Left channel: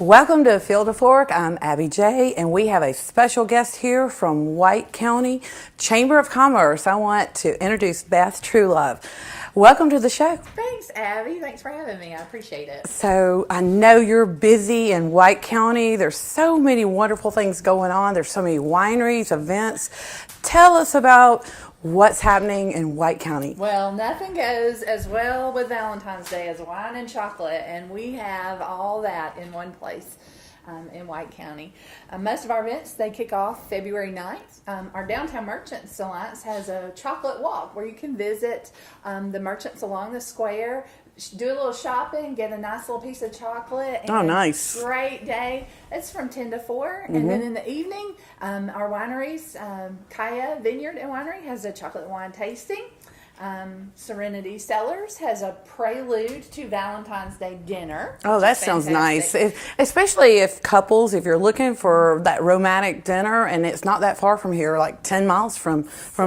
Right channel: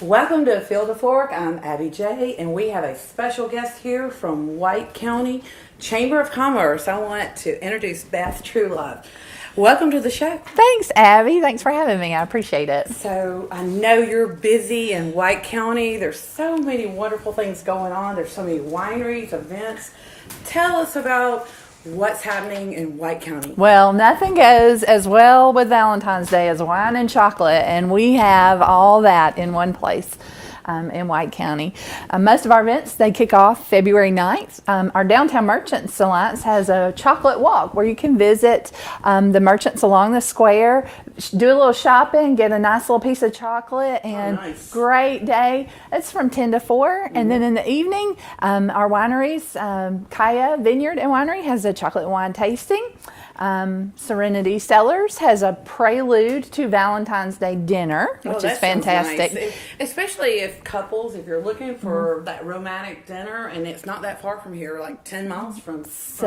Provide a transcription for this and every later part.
Welcome to Field to Fork. I'm Abby J, and we have a special guest here from White County Chamber of Commerce. I want to introduce Beth Truelove. Welcome to the show. Thanks, Abby. Thanks for having me. I appreciate it. So I know you're busy in White County. There's so many wonderful things going on. There's so many wineries, events. Tell us about what's happening in White County. Well, nothing goes as well with Valentine's Day as wine and chocolate, and we have all that in one place. In White County. Most of our events, they kick off February 9th. Our Downtown Merchants Alliance has a chocolate walk where you can visit the merchants along the square, do a little shopping, get a nice little piece of chocolate. And nice. Great day. It's from 10 to 4. Mm-hmm. And then in the evening, our wineries, Kaya Vineyard and Winery has a chocolate wine tasting. Serenity Cellars has a prelude to Valentine's Day dinner, which that is fantastic. Sounds nice. Especially if if you're looking for that romantic dinner, and it's not that far from here, like 10 miles from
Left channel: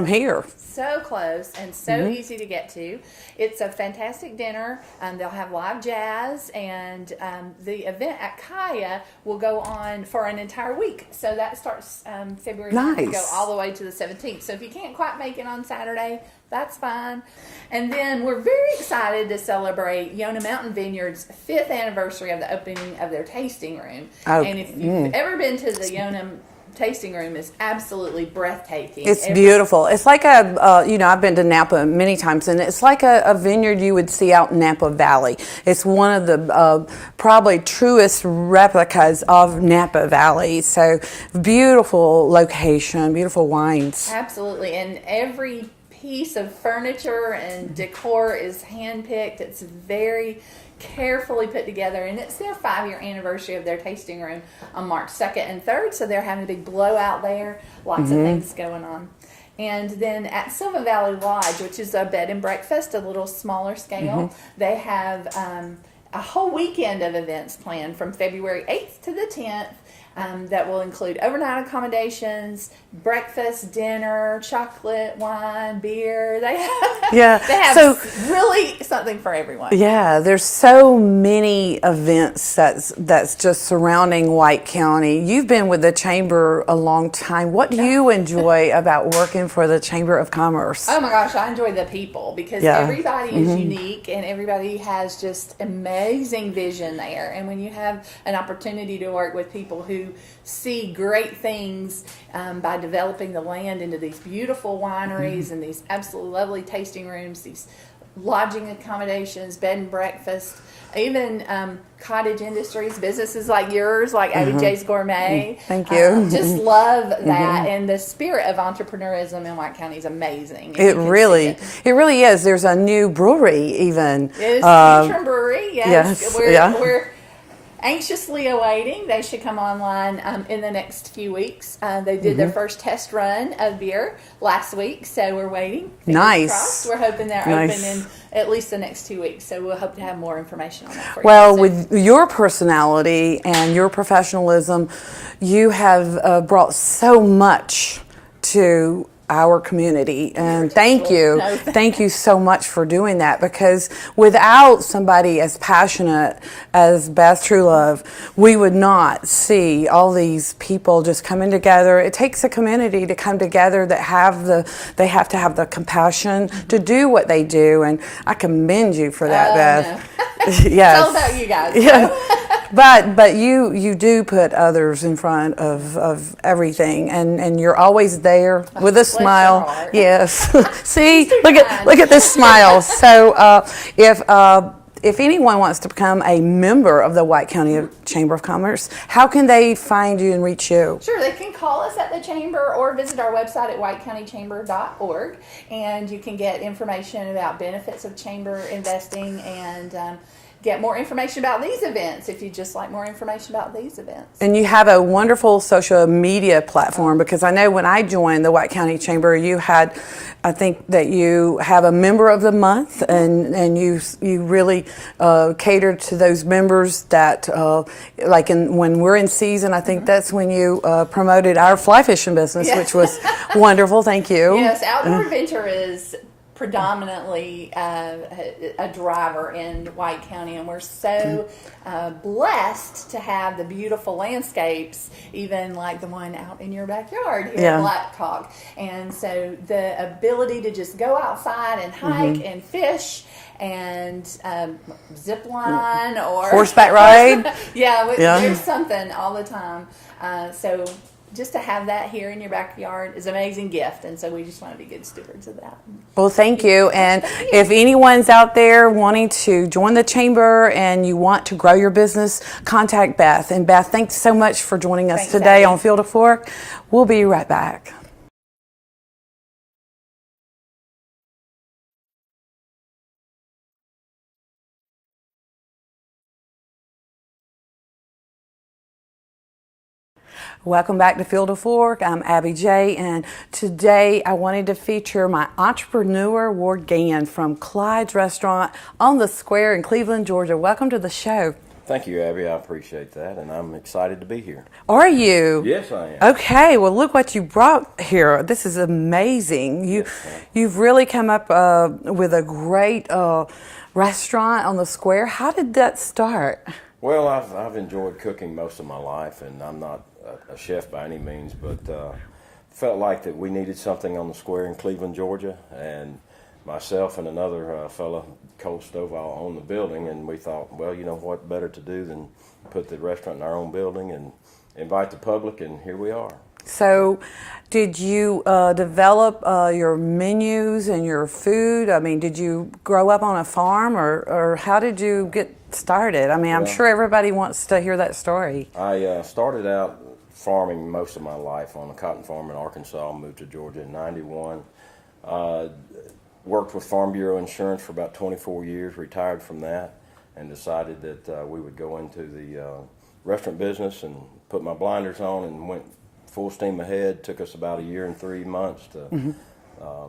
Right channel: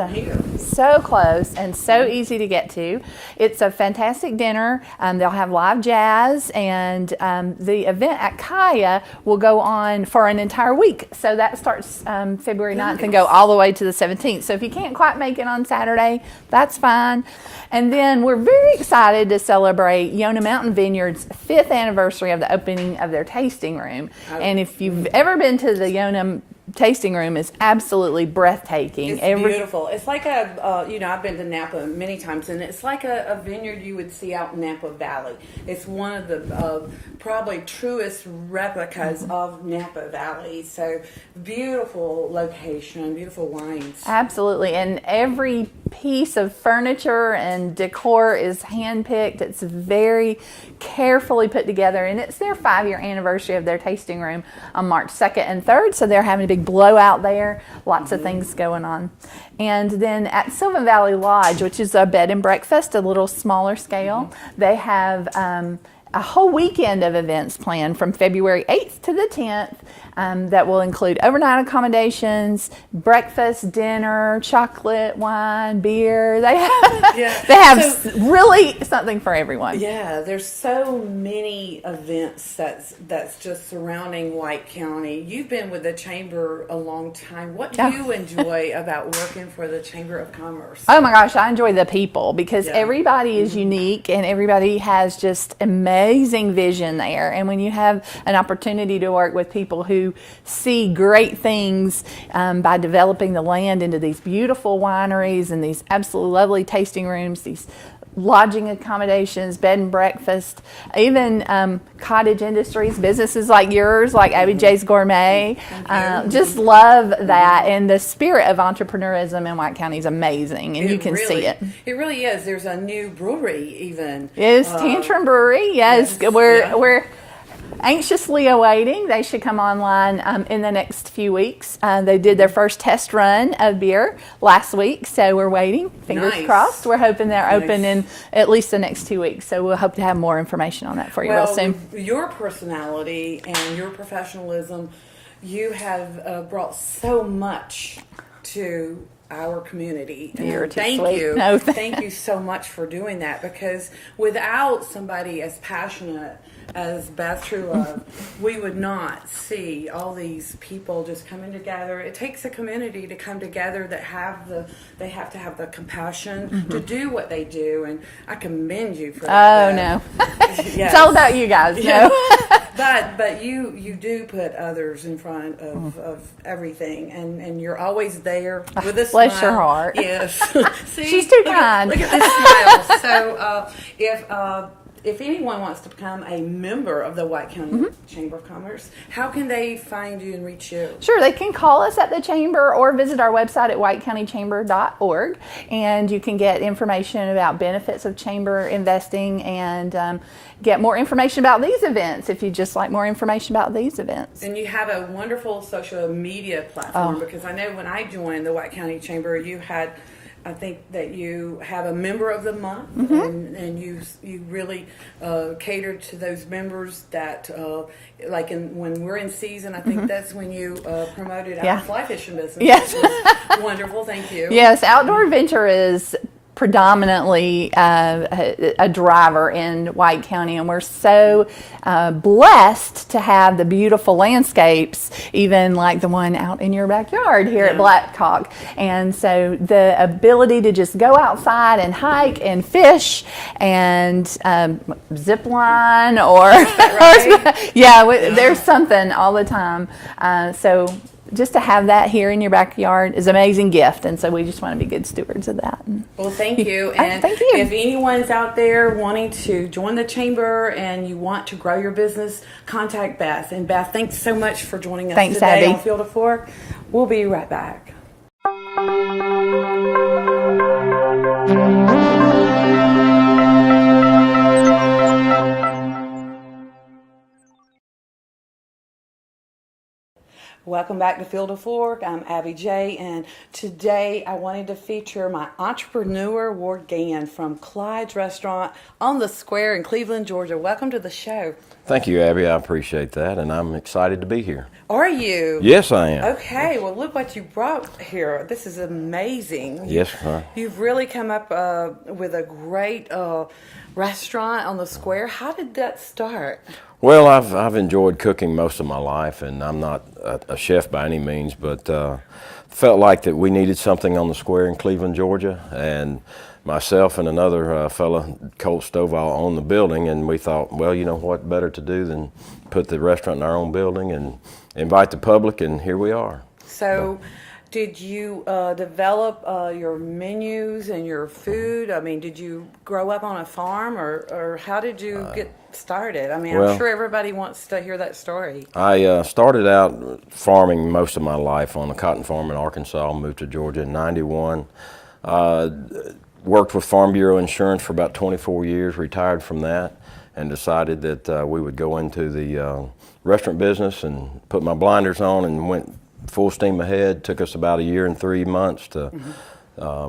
here. So close and so easy to get to. It's a fantastic dinner. They'll have live jazz, and the event at Kaya will go on for an entire week. So that starts February 9th and go all the way to the 17th. So if you can't quite make it on Saturday, that's fine. And then we're very excited to celebrate Yona Mountain Vineyard's 5th anniversary of the opening of their tasting room. And if you've ever been to the Yona tasting room, it's absolutely breathtaking. It's beautiful. It's like I've been to Napa many times, and it's like a vineyard you would see out in Napa Valley. It's one of the probably truest replicas of Napa Valley. So beautiful location, beautiful wines. Absolutely. And every piece of furniture and decor is handpicked. It's very carefully put together, and it's their 5-year anniversary of their tasting room on March 2nd and 3rd, so they're having a big blowout there. Lots of things going on. And then at Sylvan Valley Lodge, which is a bed and breakfast, a little smaller scale, they have a whole weekend of events planned from February 8th to the 10th. That will include overnight accommodations, breakfast, dinner, chocolate, wine, beer. They have really something for everyone. Yeah, there's so many events that's just surrounding White County. You've been with the Chamber a long time. What do you enjoy about working for the Chamber of Commerce? Oh my gosh, I enjoy the people because everybody is unique and everybody has just amazing vision there. And when you have an opportunity to work with people who see great things by developing the land into these beautiful wineries and these absolutely lovely tasting rooms, these lodging accommodations, bed and breakfast, even cottage industries, businesses like yours, like Abby J's Gourmet. Thank you. Just love that, and the spirit of entrepreneurism in White County is amazing. And it really is. There's a new brewery even. Yes, Tantrum Brewery. Yes, we're anxiously awaiting. They should come online in the next few weeks. They did their first test run of beer last week, so we're waiting. Fingers crossed. We're hoping they're open in at least the next 2 weeks, so we'll hope to have more information on that for you. Well, with your personality and your professionalism, you have brought so much to our community, and thank you. Thank you so much for doing that, because without somebody as passionate as Beth Truelove, we would not see all these people just coming together. It takes a community to come together that they have to have the compassion to do what they do, and I commend you for that, Beth. It's all about you guys. Yeah. But you do put others in front of everything, and you're always there with a smile. Bless your heart. Yes. See, look at this smile. So if anyone wants to become a member of the White County Chamber of Commerce, how can they find you and reach you? Sure, they can call us at the Chamber or visit our website at whitecountychamber.org, and you can get information about benefits of Chamber investing and get more information about these events if you just like more information about these events. And you have a wonderful social media platform, because I know when I joined the White County Chamber, you had, I think that you have a member of the month, and you really cater to those members that, when we're in season, I think that's when you promoted our fly fishing business, which was wonderful. Thank you. Yes, outdoor adventure is predominantly a driver in White County, and we're so blessed to have the beautiful landscapes, even like the one out in your backyard here at Blackhawk. And so the ability to just go outside and hike and fish and zip line or horseback ride. There's something all the time. So just to have that here in your backyard is an amazing gift, and so we just want to be good stewards of that. Well, thank you. And thank you. If anyone's out there wanting to join the chamber and you want to grow your business, contact Beth. And Beth, thanks so much for joining us today Abby. on Field of Fork. We'll be right back. Welcome back to Field of Fork. I'm Abby J, and today I wanted to feature my entrepreneur, Ward Gann from Clyde's Restaurant on the Square in Cleveland, Georgia. Welcome to the show. Thank you, Abby. I appreciate that, and I'm excited to be here. Are you? Yes, I am. Okay, well, look what you brought here. This is amazing. Yes, sir. You've really come up with a great restaurant on the Square. How did that start? Well, I've enjoyed cooking most of my life, and I'm not a chef by any means, but felt like that we needed something on the Square in Cleveland, Georgia, and myself and another fella, Colt Stovall, owned the building, and we thought, well, you know what better to do than put the restaurant in our own building and invite the public, and here we are. So, did you develop your menus and your food? I mean, did you grow up on a farm, or how did you get started? I mean, I'm sure everybody wants to hear that story. I started out farming most of my life on a cotton farm in Arkansas, moved to Georgia in '91. Worked with Farm Bureau Insurance for about 24 years, retired from that, and decided that we would go into the restaurant business and put my blinders on and went full steam ahead. Took us about 1 year and 3 months to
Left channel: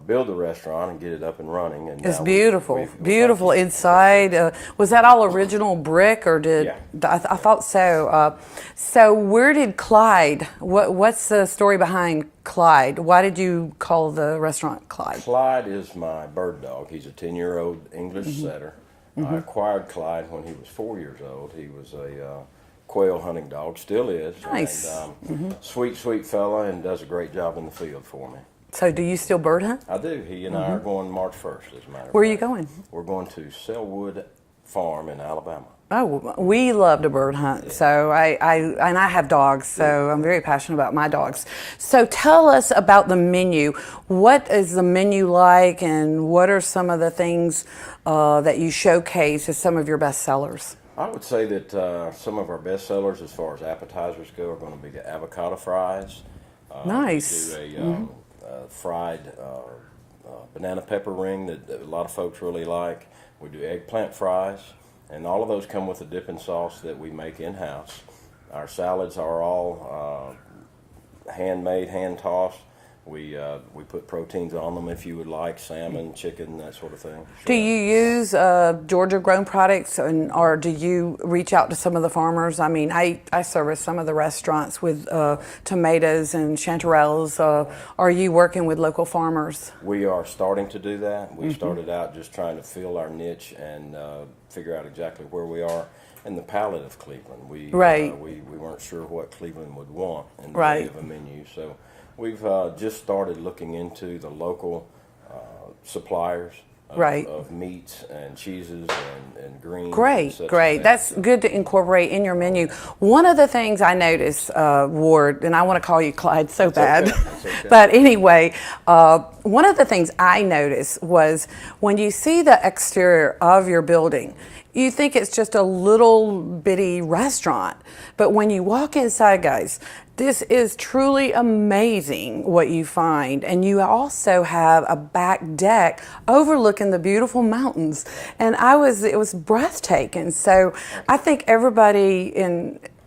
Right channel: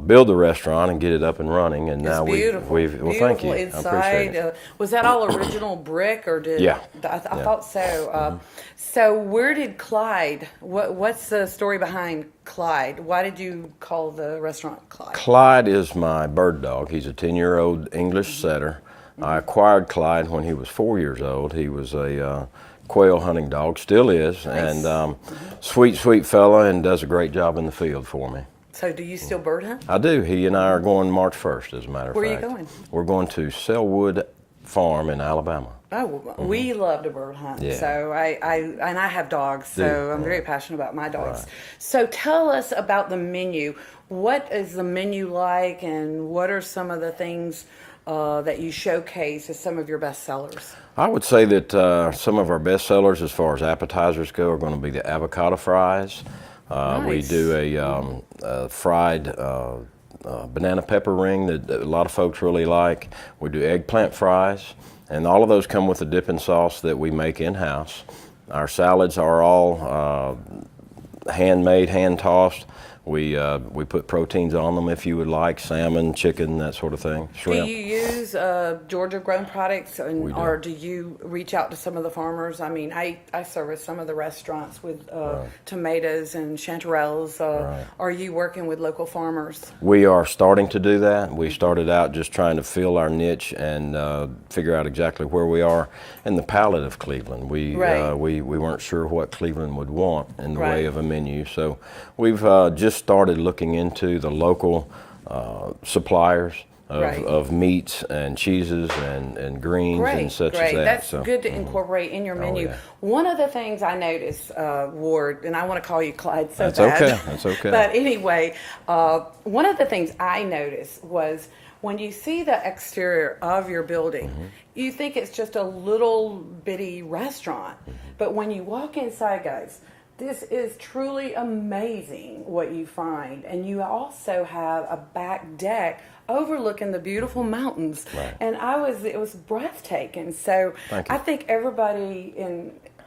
build the restaurant and get it up and running. And it's now beautiful, beautiful inside. Was that all original brick, or did? Yeah. I thought so. So where did Clyde? What's the story behind Clyde? Why did you call the restaurant Clyde? Clyde is my bird dog. He's a 10-year-old English setter. I acquired Clyde when he was 4 years old. He was a quail hunting dog, still is, Nice. and sweet fella, and does a great job in the field for me. So do you still bird hunt? I do. He and I are going March 1st, as a matter of fact. Where are you going? We're going to Selwood Farm in Alabama. Oh, we love to bird hunt. Yeah. So I have dogs, so Yeah. I'm very passionate about my dogs. So tell us about the menu. What is the menu like, and what are some of the things that you showcase as some of your best sellers? I would say that some of our best sellers as far as appetizers go are going to be the avocado fries. Nice. We do a fried banana pepper ring that a lot of folks really like. We do eggplant fries, and all of those come with a dipping sauce that we make in-house. Our salads are all handmade, hand-tossed. We put proteins on them if you would like, salmon, chicken, that sort of thing. Shrimp. Do you use Georgia-grown products, or do you reach out to some of the farmers? I mean, I service some of the restaurants with tomatoes and chanterelles. Are you working with local farmers? We are starting to do that. We started out just trying to fill our niche and figure out exactly where we are in the palate of Cleveland. We weren't sure what Cleveland would want in the way of a menu, so we've just started looking into the local suppliers of meats and cheeses and greens and such as that. That's good to incorporate in your menu. One of the things I noticed, Ward, and I want to call you Clyde so bad. Okay. That's okay. But anyway, one of the things I noticed was when you see the exterior of your building, you think it's just a little bitty restaurant. But when you walk inside, guys, this is truly amazing what you find. And you also have a back deck overlooking the beautiful mountains. And it was breathtaking. So I think everybody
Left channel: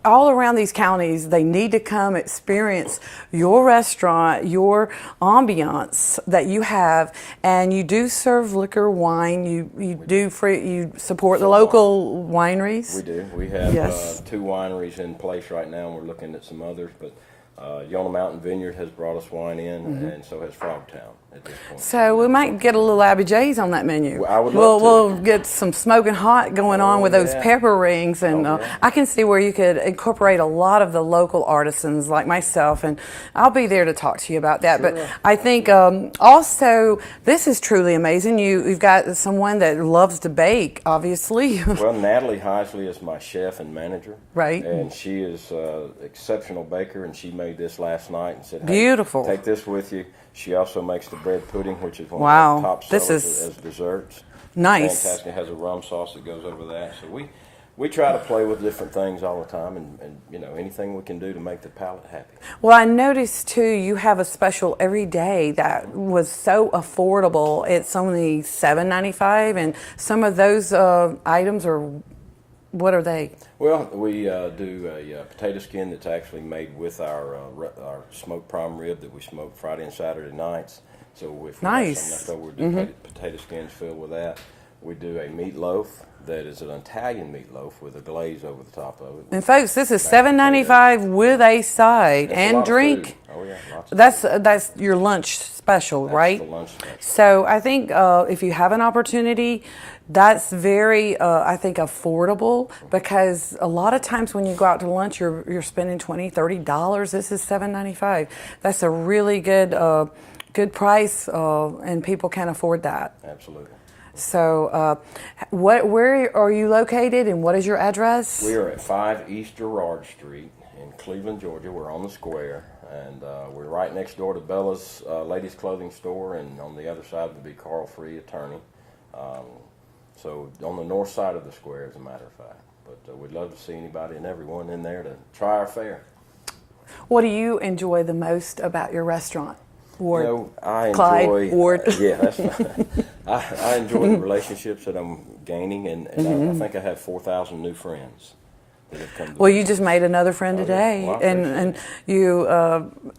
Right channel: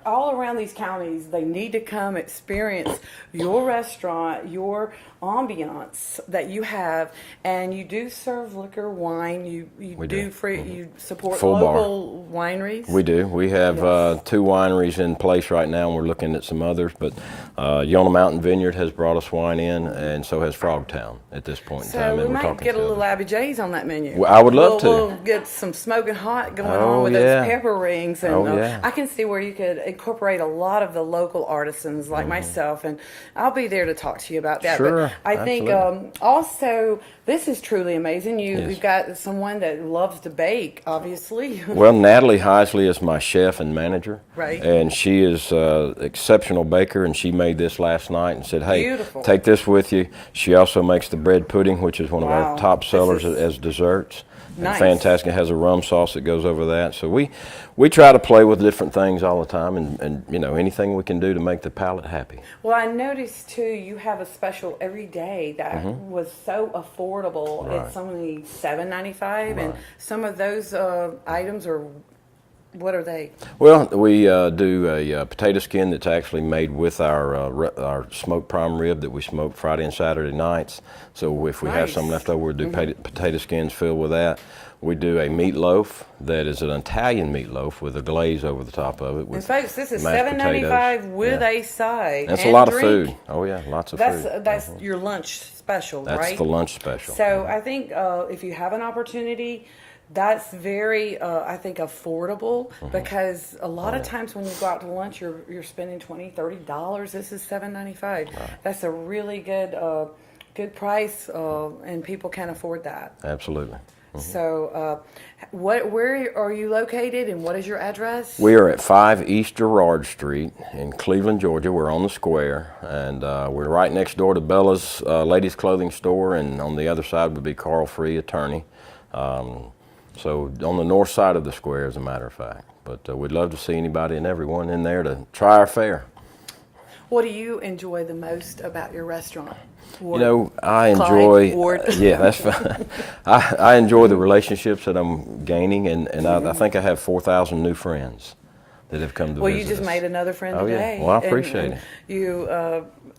all around these counties, they need to come experience your restaurant, your ambiance that you have, and you do serve liquor, wine. You support Full the local wineries. We do. We have Yes. 2 wineries in place right now, and we're looking at some others. But Yonah Mountain Vineyard has brought us wine in, and so has Frogtown at this point. in time, So we and we're might talking get a to little Abby J's on that menu. Well, I would love to. We'll get some smoking hot going on Oh, with those yeah. pepper rings, and Oh, yeah. I can see where you could incorporate a lot of the local artisans like myself, and I'll be there to talk to you about that. Sure, But I think absolutely. also this is truly amazing. You've got someone that loves to bake, obviously. Well, Natalie Heisley is my chef and manager. Right. And she is an exceptional baker, and she made this last night and said, hey, Beautiful. take this with you. She also makes the bread pudding, which is one Wow. of our top This sellers is as desserts. nice. Fantastic. It has a rum sauce that goes over that. So we try to play with different things all the time, and anything we can do to make the palate happy. Well, I noticed too, you have a special every day that was so affordable. Right. It's only $7.95, and some of those items are, what are they? Well, we do a potato skin that's actually made with our smoked prime rib that we smoke Friday and Saturday nights. So if we have Nice. some left over, we'll do potato skins filled with that. We do a meatloaf that is an Italian meatloaf with a glaze over the top of it. And folks, this is mashed $7.95 potatoes. with a side That's and a lot drink. of food. Oh yeah, lots of That's food. that's your lunch special, That's right? the lunch special. So I think if you have an opportunity, that's very, I think, affordable, because a lot of times when you go out to lunch, you're spending $20, $30. This is $7.95. That's a really good price, and people can afford that. Absolutely. So, where are you located, and what is your address? We are at 5 East Gerard Street in Cleveland, Georgia. We're on the square, and we're right next door to Bella's ladies' clothing store, and on the other side would be Carl Free, attorney. So on the north side of the square, as a matter of fact. But we'd love to see anybody and everyone in there to try our fare. What do you enjoy the most about your restaurant? Ward? You know, I Clyde, enjoy. Ward. Yeah, that's fine. I enjoy the relationships that I'm gaining, and I think I have 4,000 new friends that have come to Well, visit you just us. made another friend Oh, yeah. today. Well, I appreciate and it. you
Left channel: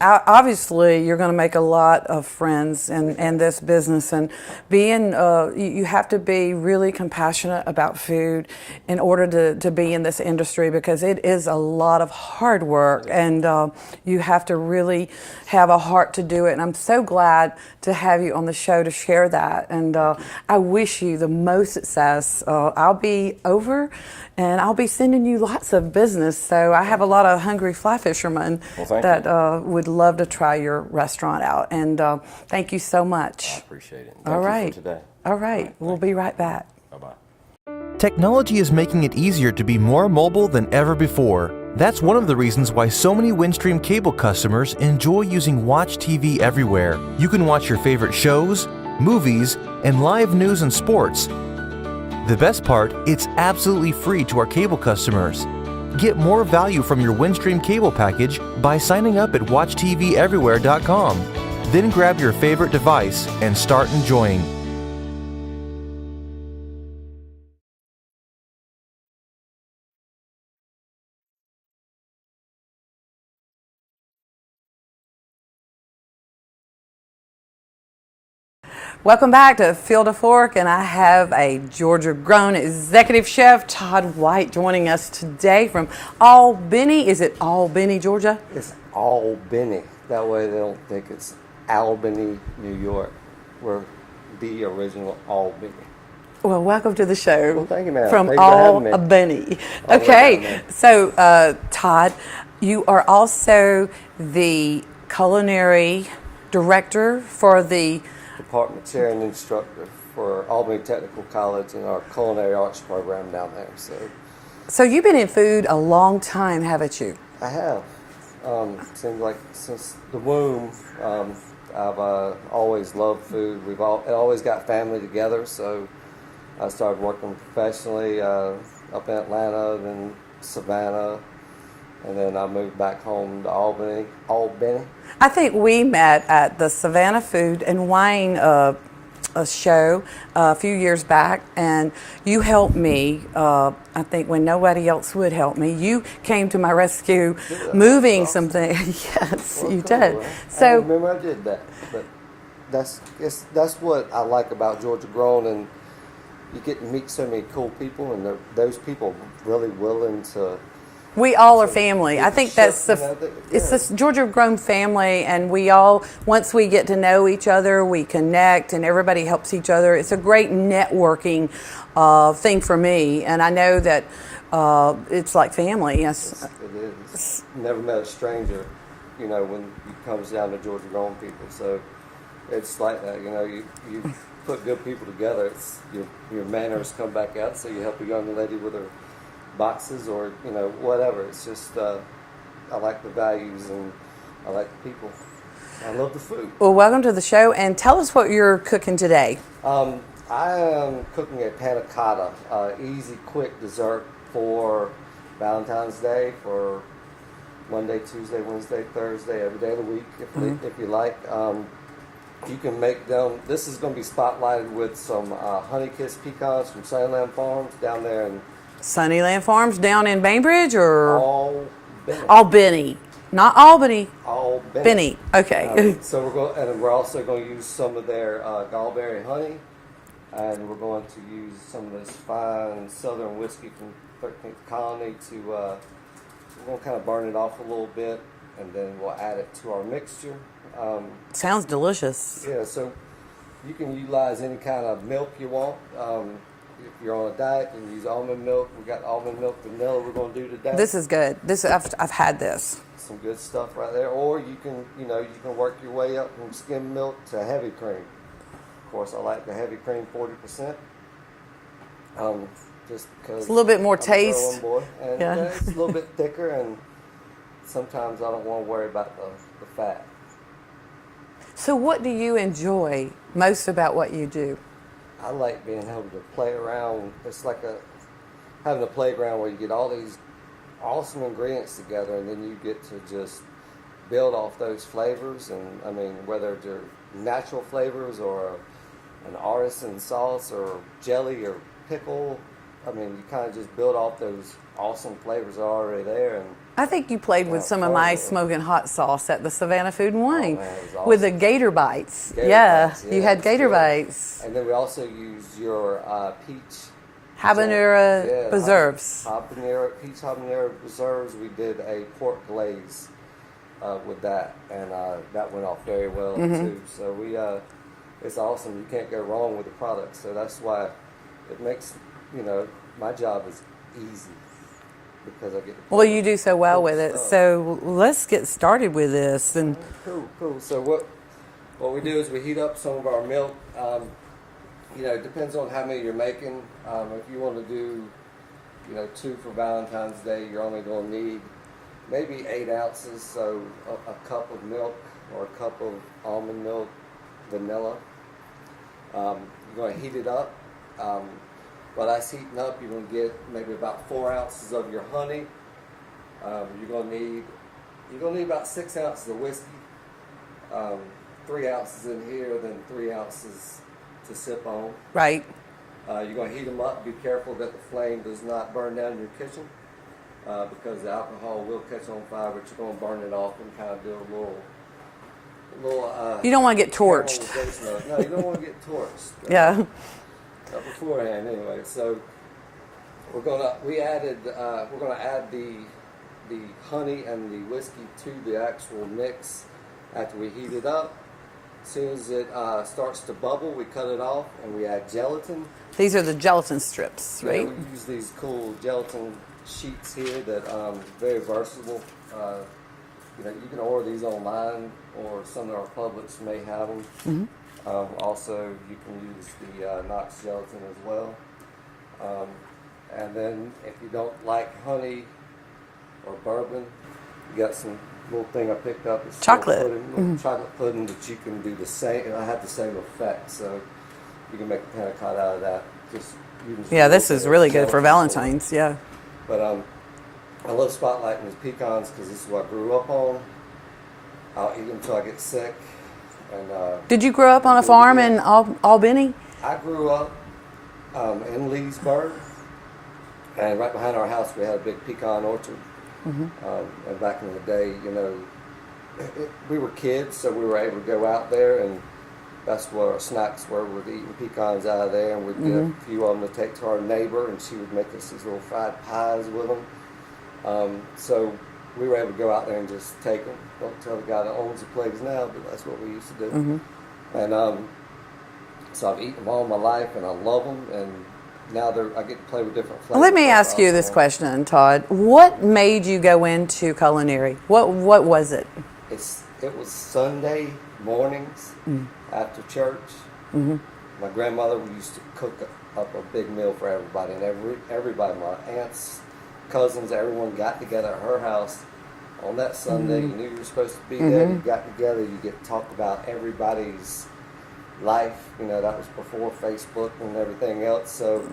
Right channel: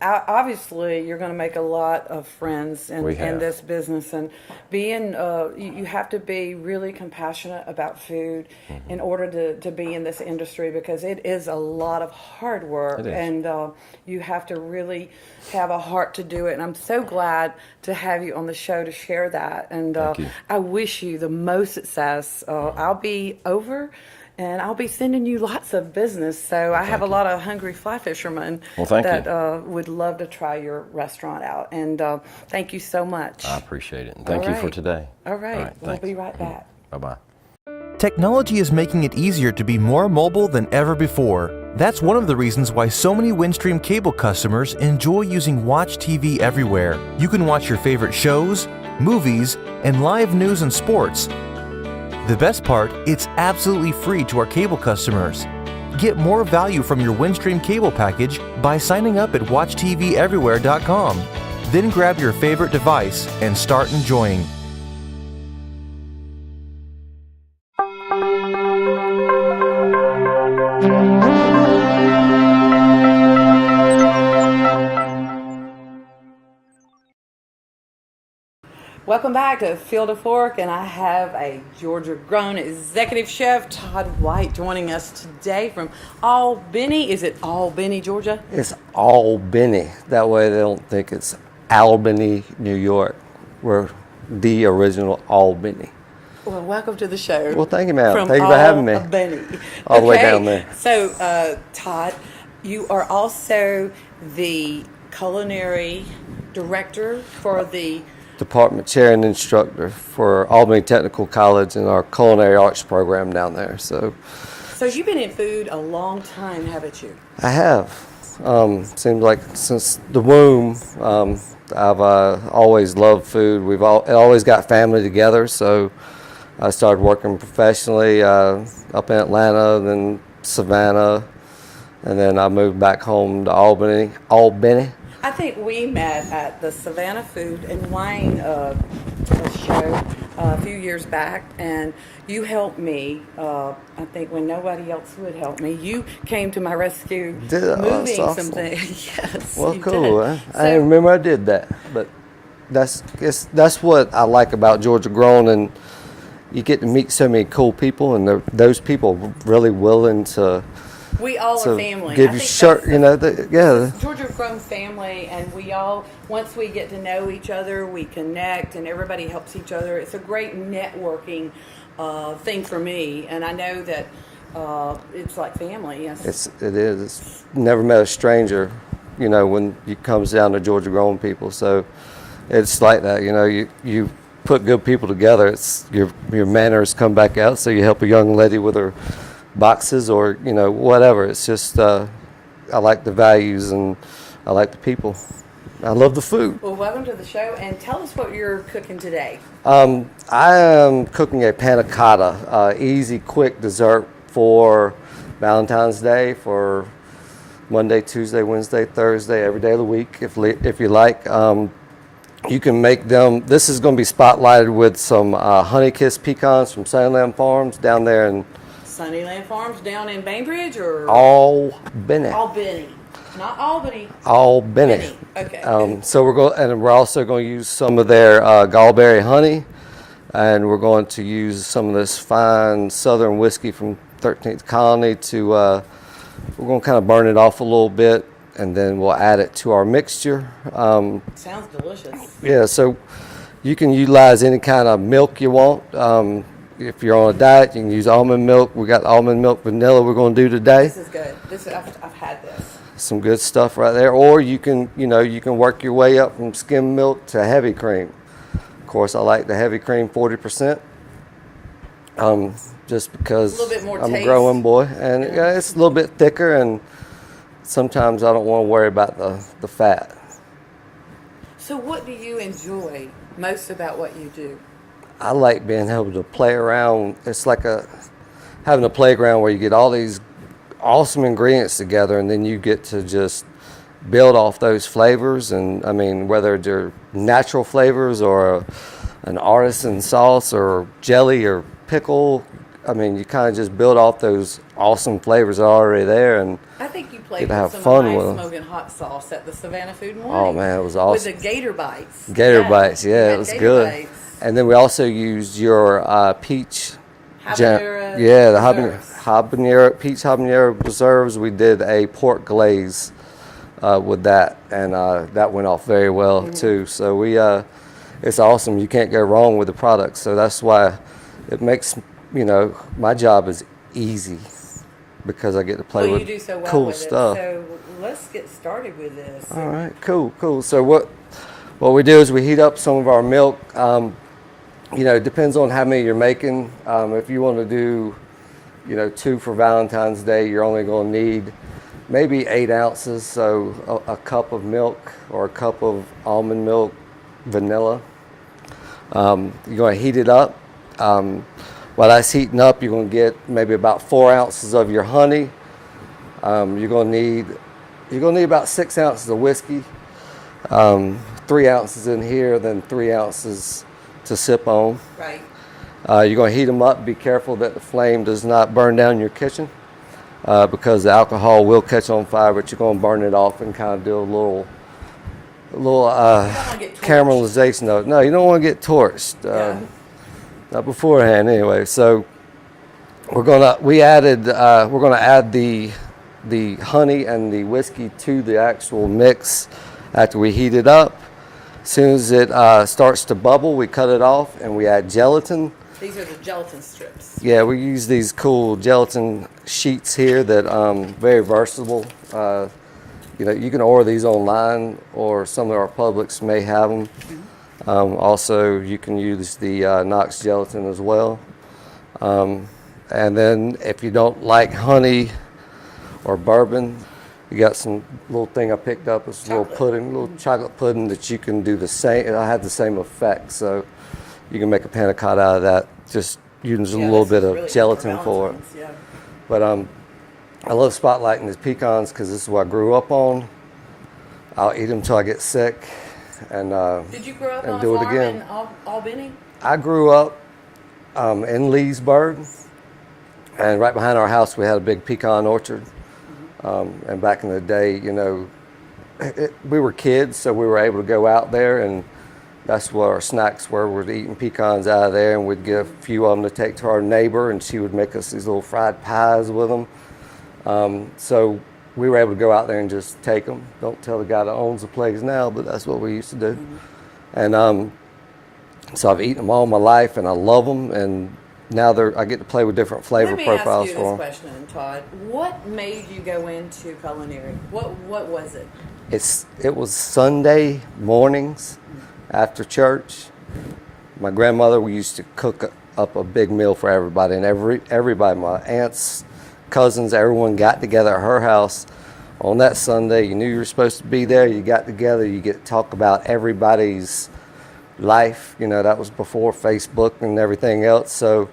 obviously you're going to make a lot of friends We in have. this business, and being you have to be really compassionate about food in order to be in this industry, because it is a lot of hard work, and you have to really have a heart to do it. And I'm so glad to have you on the show to share that, and I wish you the most success. I'll be over, and I'll be sending you lots of business. So I have a lot of hungry fly fishermen that would love to try your restaurant out. And thank you so much. I appreciate it. And thank you for today. All right. We'll be right back. Bye-bye. Technology is making it easier to be more mobile than ever before. That's one of the reasons why so many Windstream cable customers enjoy using Watch TV everywhere. You can watch your favorite shows, movies, and live news and sports. The best part, it's absolutely free to our cable customers. Get more value from your Windstream cable package by signing up at WatchTVEverywhere.com. Then grab your favorite device and start enjoying. Welcome back to Field of Fork, and I have a Georgia-grown executive chef, Todd White, joining us today from Albany. Is it Albany, Georgia? It's Albany. That way they don't think it's Albany, New York. We're the original Albany. Well, welcome to the show. Well, thank you, ma'am. From Thanks for having me. Albany. All the way Okay, down there. so Todd, you are also the culinary director for the Department chair and instructor for Albany Technical College and our culinary arts program down there. So you've been in food a long time, haven't you? I have. Seems like since the womb, I've always loved food. We've always got family together, so I started working professionally up in Atlanta, then Savannah, and then I moved back home to Albany. I think we met at the Savannah Food and Wine a show a few years back, and you helped me. I think when nobody else would help me, you came to my rescue, moving awesome. something. Yes, Well, you cool. did. I didn't remember I did that, but that's what I like about Georgia Grown, and you get to meet so many cool people, and those people really willing to. We all are So family. give I you think shirt, that's you know, it's this Georgia Grown family, and we all, once we get to know each other, we connect, and everybody helps each other. It's a great networking thing for me, and I know that it's like family. Yes, it is. It's never met a stranger, you know, when it comes down to Georgia Grown people. So it's like that, you know. You put good people together. It's your manners come back out. So you help a young lady with her boxes, or you know, whatever. It's just I like the values, and I like the people. I love the food. Well, welcome to the show, and tell us what you're cooking today. I am cooking a panna cotta, easy, quick dessert for Valentine's Day, for Monday, Tuesday, Wednesday, Thursday, every day of the week, if you like. You can make them. This is going to be spotlighted with some honey-kissed pecans from Sunnyland Farms down there in Sunnyland Farms down in Bainbridge, or Albany. Not Albany. Albany. Okay. So we're also going to use some of their gallberry honey, and we're going to use some of this fine Southern whiskey from 13th Colony to. We're going to kind of burn it off a little bit, and then we'll add it to our mixture. Sounds delicious. Yeah. So you can utilize any kind of milk you want. If you're on a diet, you can use almond milk. We got almond milk vanilla we're going to do today. This is good. I've had this. Some good stuff right there. Or you can work your way up from skim milk to heavy cream. Of course, I like the heavy cream 40%. Just because it's a little bit more I'm taste. a growing boy, and it's a little bit thicker, and sometimes I don't want to worry about the fat. So what do you enjoy most about what you do? I like being able to play around. It's like having a playground where you get all these awesome ingredients together, and then you get to just build off those flavors. And I mean, whether they're natural flavors or an artisan sauce or jelly or pickle, I mean, you kind of just build off those awesome flavors that are already there. And I think you played get to with have some of fun my with 'em. smoking hot sauce at the Savannah Food and Wine. Oh man, it was awesome. With the gator bites. Gator bites, yeah, You it had was gator good. bites. And then we also used your peach Habanero the peach habanero preserves. We did a pork glaze with that, and that went off very well too. So it's awesome. You can't go wrong with the product. So that's why it makes my job is easy, because I get to play. Well, you do so well cool with stuff. it. So let's get started with this. All right, cool. So what we do is we heat up some of our milk. It depends on how many you're making. If you want to do, 2 for Valentine's Day, you're only going to need maybe 8 ounces. So a cup of milk or a cup of almond milk, vanilla. You're going to heat it up. While that's heating up, you're going to get maybe about 4 ounces of your honey. You're going to need about 6 ounces of whiskey. 3 ounces in here, then 3 ounces to sip on. Right. You're going to heat them up. Be careful that the flame does not burn down your kitchen, because the alcohol will catch on fire, but you're going to burn it off and kind of do a little you don't want to get torched. caramelization of it. No, you don't want to get torched. Yeah. Not beforehand, anyway. So we're gonna add the honey and the whiskey to the actual mix after we heat it up. As soon as it starts to bubble, we cut it off and we add gelatin. These are the gelatin strips. Right? Yeah, we use these cool gelatin sheets here that very versatile. You can order these online, or some of our Publix may have them. Mm-hmm. Also, you can use the Knox gelatin as well. And then if you don't like honey or bourbon, you got some little thing I picked up. It's chocolate. Little chocolate pudding that you can do the same. It'll have the same effect. So you can make a panna cotta out of that. Just using a little bit of this is really good for gelatin Valentine's. Yeah. But I love spotlighting these pecans because this is what I grew up on. I'll eat them till I get sick. and Did you grow up on a do it farm again. in Albany? I grew up in Leesburg, and right behind our house we had a big pecan orchard. And back in the day, you know, we were kids, so we were able to go out there, and that's what our snacks were. We're eating pecans out of there, and we'd get a few of them to take to our neighbor, and she would make us these little fried pies with them. So we were able to go out there and just take them. Don't tell the guy that owns the place now, but that's what we used to do. And so I've eaten them all my life, and I love them. And now I get to play with different flavor Let me profiles ask you for this 'em. question, Todd. What made you go into culinary? What was it? It was Sunday mornings after church. My grandmother, we used to cook up a big meal for everybody, and everybody, my aunts, cousins, everyone got together at her house on that Sunday. You knew you were supposed to be there. You got together. You get to talk about everybody's life. You know, that was before Facebook and everything else. So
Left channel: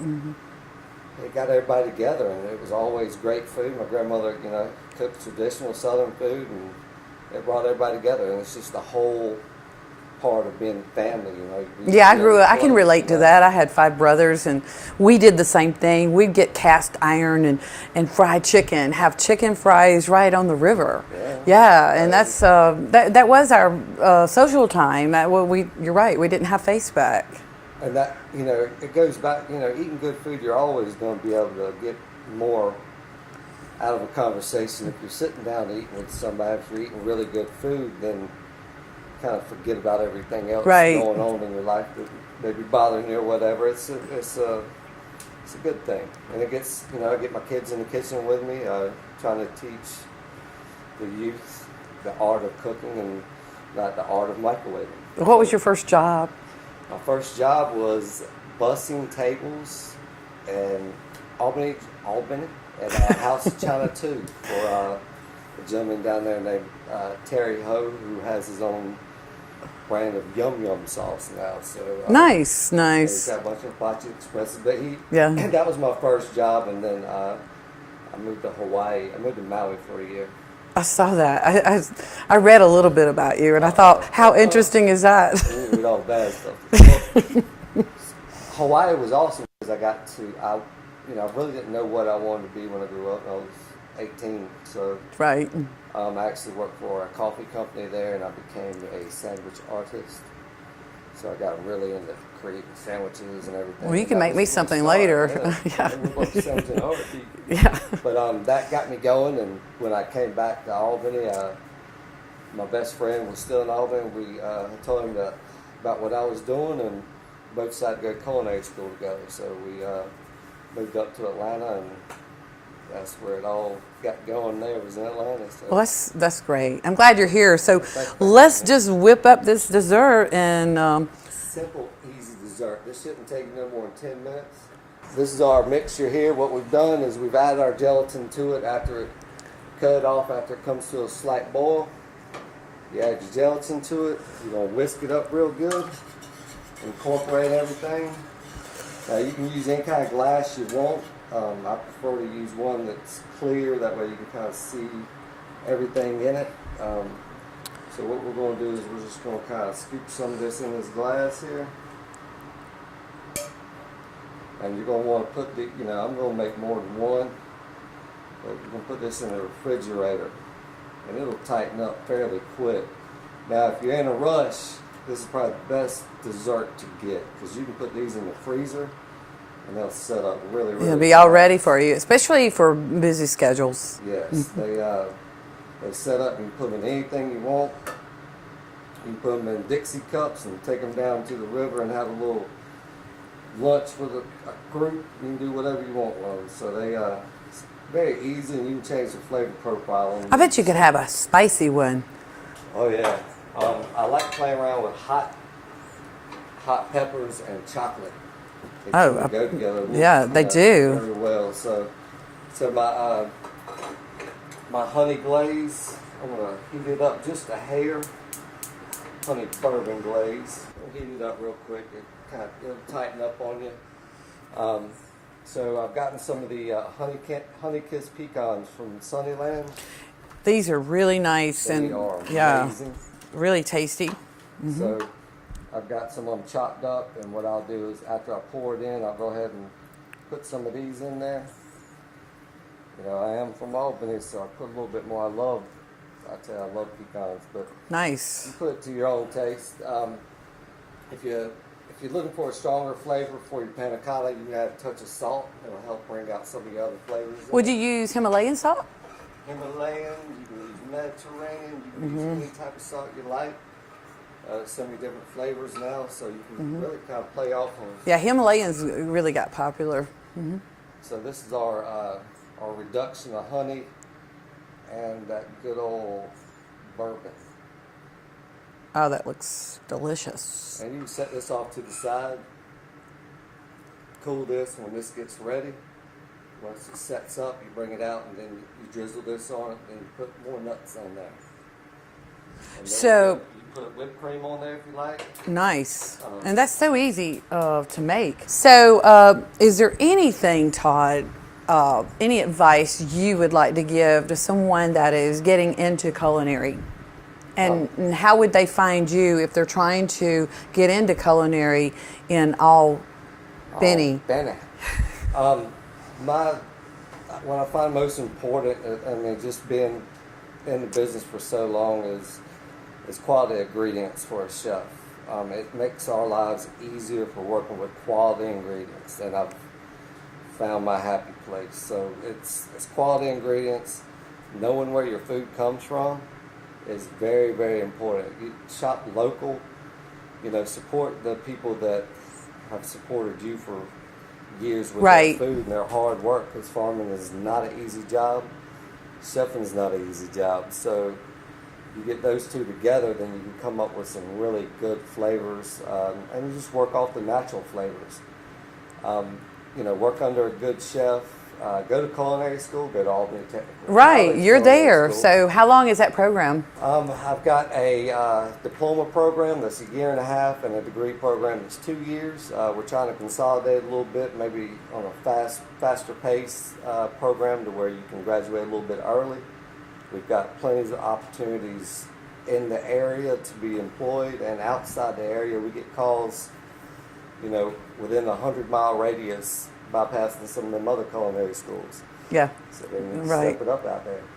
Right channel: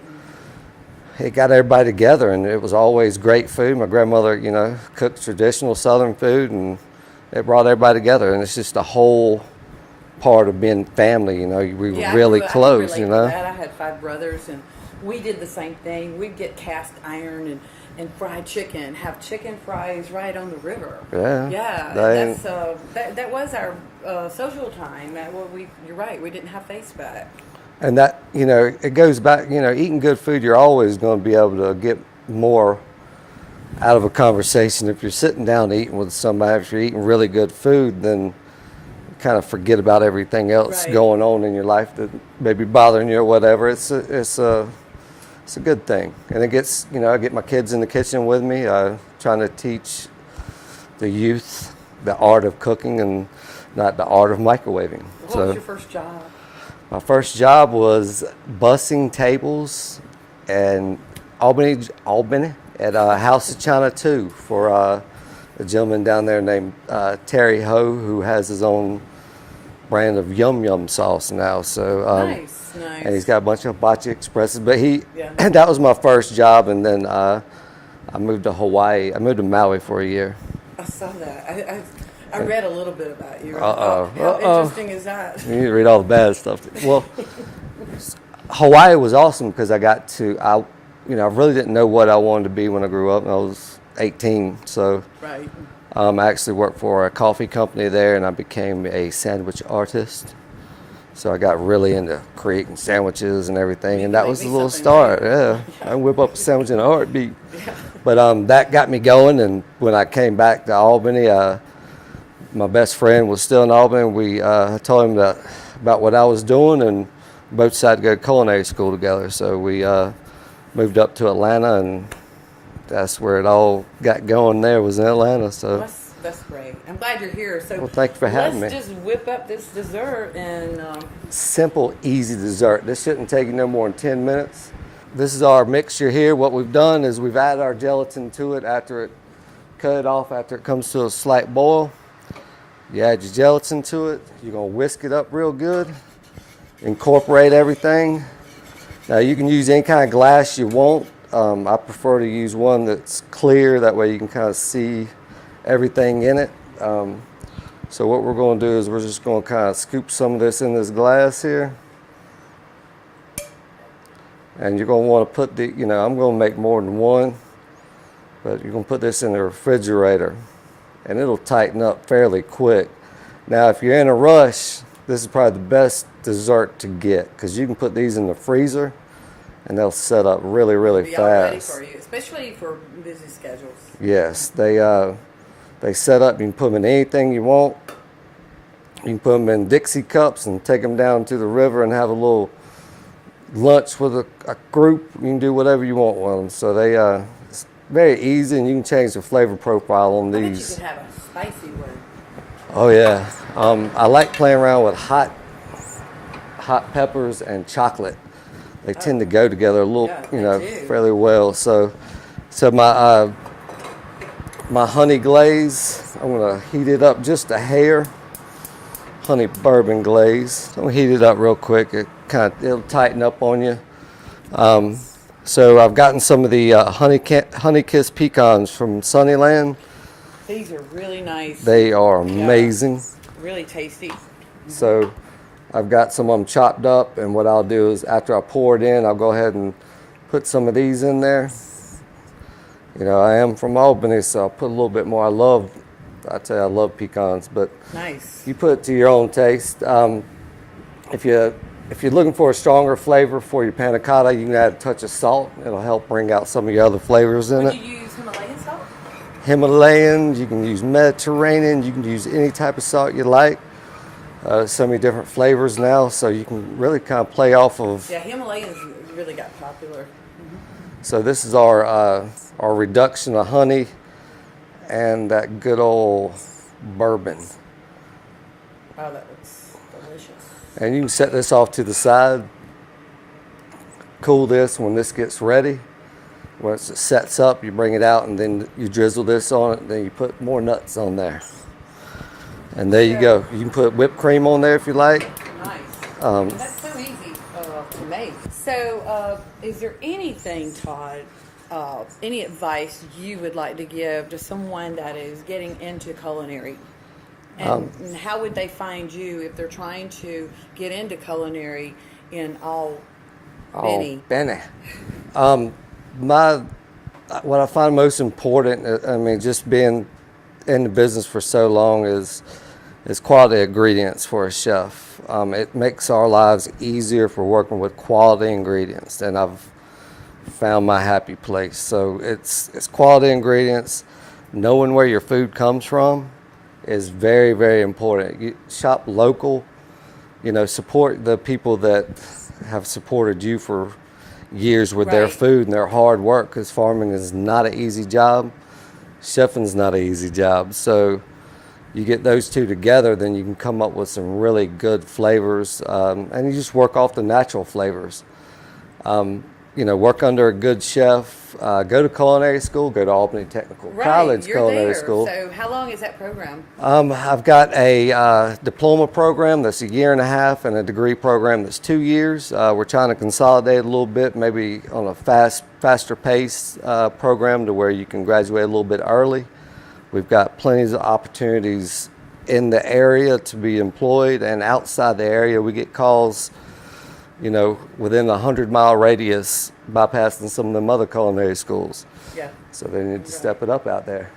it got everybody together, and it was always great food. My grandmother, you know, cooked traditional Southern food, and it brought everybody together. And it's just a whole part of being family, you know. We Yeah, were really I close, can relate you to know? that. I had 5 brothers, and we did the same thing. We'd get cast iron and fried chicken, have chicken fries right on the river. Yeah. And that's that was our social time. You're right. We didn't have Facebook. And that, you know, it goes back, you know, eating good food, you're always going to be able to get more out of a conversation. If you're sitting down eating with somebody, if you're eating really good food, then kind of forget about everything else going on in your life that may be bothering you or whatever. It's a good thing. And it gets, you know, I get my kids in the kitchen with me, trying to teach the youth the art of cooking and not the art of microwaving. What was your first job? My first job was bussing tables in Albany at House of China 2 for a gentleman down there named Terry Ho, who has his own brand of yum sauce now. So Nice. And he's got a bunch of hibachi expresses. But Yeah. that was my first job, and then I moved to Hawaii. I moved to Maui for a year. I saw that. I read a little bit about you, and I thought, how interesting is that? You need to read all the bad stuff. Well, Hawaii was awesome because I really didn't know what I wanted to be when I grew up, and I was 18. So Right. I actually worked for a coffee company there, and I became a sandwich artist. So I got really into creating sandwiches and everything, Well, you and can that make was me a little something starter. later. Yeah, Yeah. I whip up a sandwich in a heartbeat. Yeah. But that got me going, and when I came back to Albany, my best friend was still in Albany. I told him about what I was doing, and we both decided to go to culinary school together. So we moved up to Atlanta, and that's where it all got going. There was in Atlanta. So Well, that's great. I'm glad you're here. So thank you for let's having me. just whip up this dessert and simple, easy dessert. This shouldn't take you no more than 10 minutes. This is our mixture here. What we've done is we've added our gelatin to it after it comes to a slight boil. You add your gelatin to it. You're going to whisk it up real good. Incorporate everything. Now you can use any kind of glass you want. I prefer to use one that's clear. That way you can kind of see everything in it. So what we're going to do is we're just going to kind of scoop some of this in this glass here. And you're going to want to put I'm going to make more than one, but you're going to put this in the refrigerator, and it'll tighten up fairly quick. Now, if you're in a rush, this is probably the best dessert to get, because you can put these in the freezer, and they'll set up really, really it'll be fast. all ready for you, especially for busy schedules. Yes, they set up. You can put them in anything you want. You can put them in Dixie cups and take them down to the river and have a little lunch with a group. You can do whatever you want with them. So it's very easy, and you can change the flavor profile on these. I bet you could have a spicy one. Oh yeah, I like playing around with hot peppers and chocolate. They tend to go together a little. Yeah, they do. Really well. So my honey glaze, I'm gonna heat it up just a hair. Honey bourbon glaze. I'm gonna heat it up real quick. It'll tighten up on you. So I've gotten some of the honey kiss pecans from Sunnyland. These are really nice. They are Yeah. amazing. Really tasty. So I've got some of them chopped up, and what I'll do is after I pour it in, I'll go ahead and put some of these in there. You know, I am from Albany, so I'll put a little bit more. I love pecans, but Nice. you put it to your own taste. If you're looking for a stronger flavor for your panna cotta, you can add a touch of salt. It'll help bring out some of your other flavors in it. Would you use Himalayan salt? Himalayan, you can use Mediterranean, you can use any type of salt you like. So many different flavors now, so you can really kind of play off of. Yeah, Himalayans really got popular. So this is our reduction of honey and that good old bourbon. Oh, that looks delicious. And you can set this off to the side, cool this when this gets ready. Once it sets up, you bring it out and then you drizzle this on it, and then you put more nuts on there. And there you go. You can put whipped cream on there if you like. Nice. And that's so easy to make. So is there anything, Todd, any advice you would like to give to someone that is getting into culinary? And how would they find you if they're trying to get into culinary in Albany? What I find most important, I mean, just being in the business for so long is quality ingredients for a chef. It makes our lives easier if we're working with quality ingredients, and I've found my happy place. So it's quality ingredients. Knowing where your food comes from is very, very important. You shop local, you know, support the people that have supported you for years with their food and their hard work, because farming is not an easy job. Chefing's not an easy job. So you get those two together, then you can come up with some really good flavors, and you just work off the natural flavors. You know, work under a good chef, go to culinary school, go to Albany Technical College. You're there. School. So how long is that program? I've got a diploma program that's a year and a half and a degree program that's 2 years. We're trying to consolidate a little bit, maybe on a faster pace program to where you can graduate a little bit early. We've got plenty of opportunities in the area to be employed, and outside the area we get calls, you know, within a 100-mile radius, bypassing some of them other culinary schools. Yeah. So they need to step it up out there.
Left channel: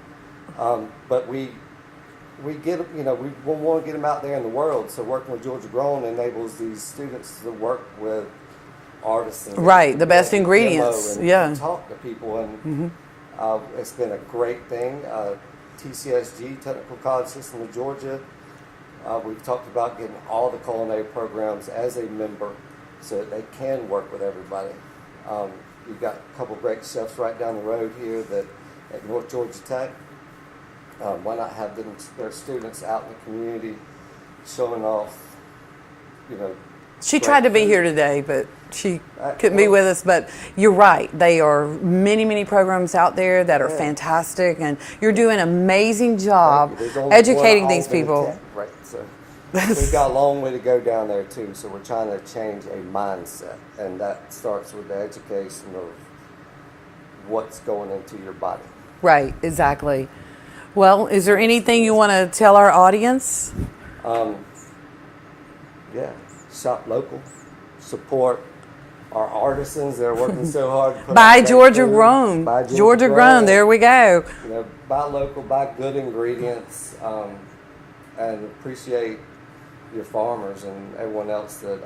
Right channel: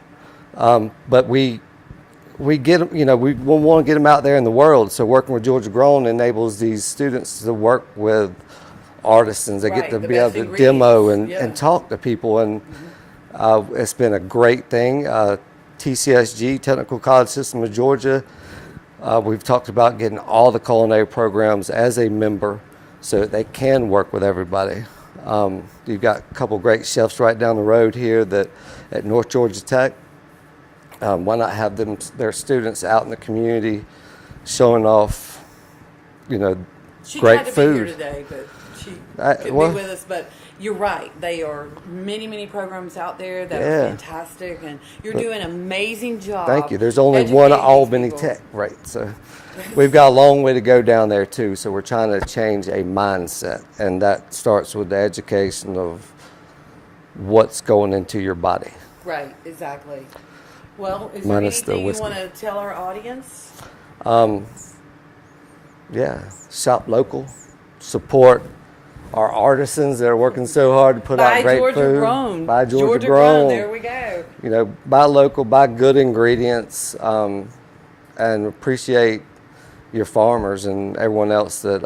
But we get, you know, we want to get them out there in the world. So working with Georgia Grown enables these students to work with artisans. They get to the be best able to ingredients. demo and talk to people, and it's been a great thing. TCSG, Technical College System of Georgia, we've talked about getting all the culinary programs as a member so that they can work with everybody. You've got a couple great chefs right down the road here at North Georgia Tech. Why not have their students out in the community showing off, you know, She great tried to be food. here today, but she couldn't be with us. But you're right. They are many programs out there that are fantastic, and you're doing an amazing job. Thank you. There's only educating one these Albany people. Tech, right? So we've got a long way to go down there too. So we're trying to change a mindset, and that starts with the education of what's going into your body. Right, exactly. Well, is there Minus anything the you whiskey. want to tell our audience? Yeah, shop local, support our artisans that are working so hard to put Buy out great Georgia food. Grown. Buy Georgia Grown. There we go. You know, buy local, buy good ingredients, and appreciate your farmers and everyone else that,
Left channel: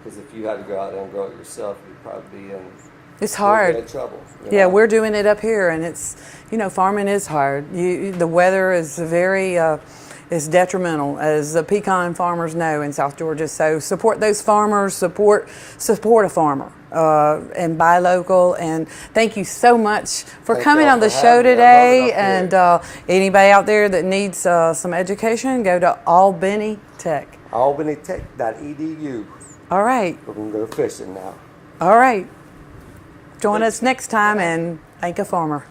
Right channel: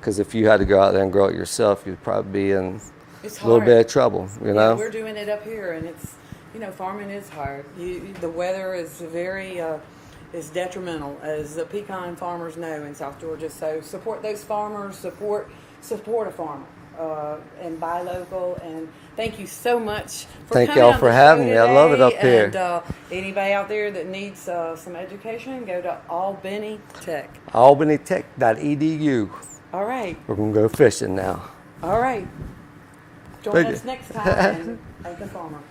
because if you had to go out there and grow it yourself, you'd probably be in It's a little hard. bit of trouble. You Yeah, know? we're doing it up here, and it's, you know, farming is hard. The weather is very is detrimental, as the pecan farmers know in South Georgia. So support those farmers, support a farmer, and buy local. And thank you so much for Thank coming y'all on the for show having me. I love it today. up here. And anybody out there that needs some education, go to Albany Tech. AlbanyTech.edu. All right. We're going to go fishing now. All right. Join Thank us you. next time, and thank a farmer.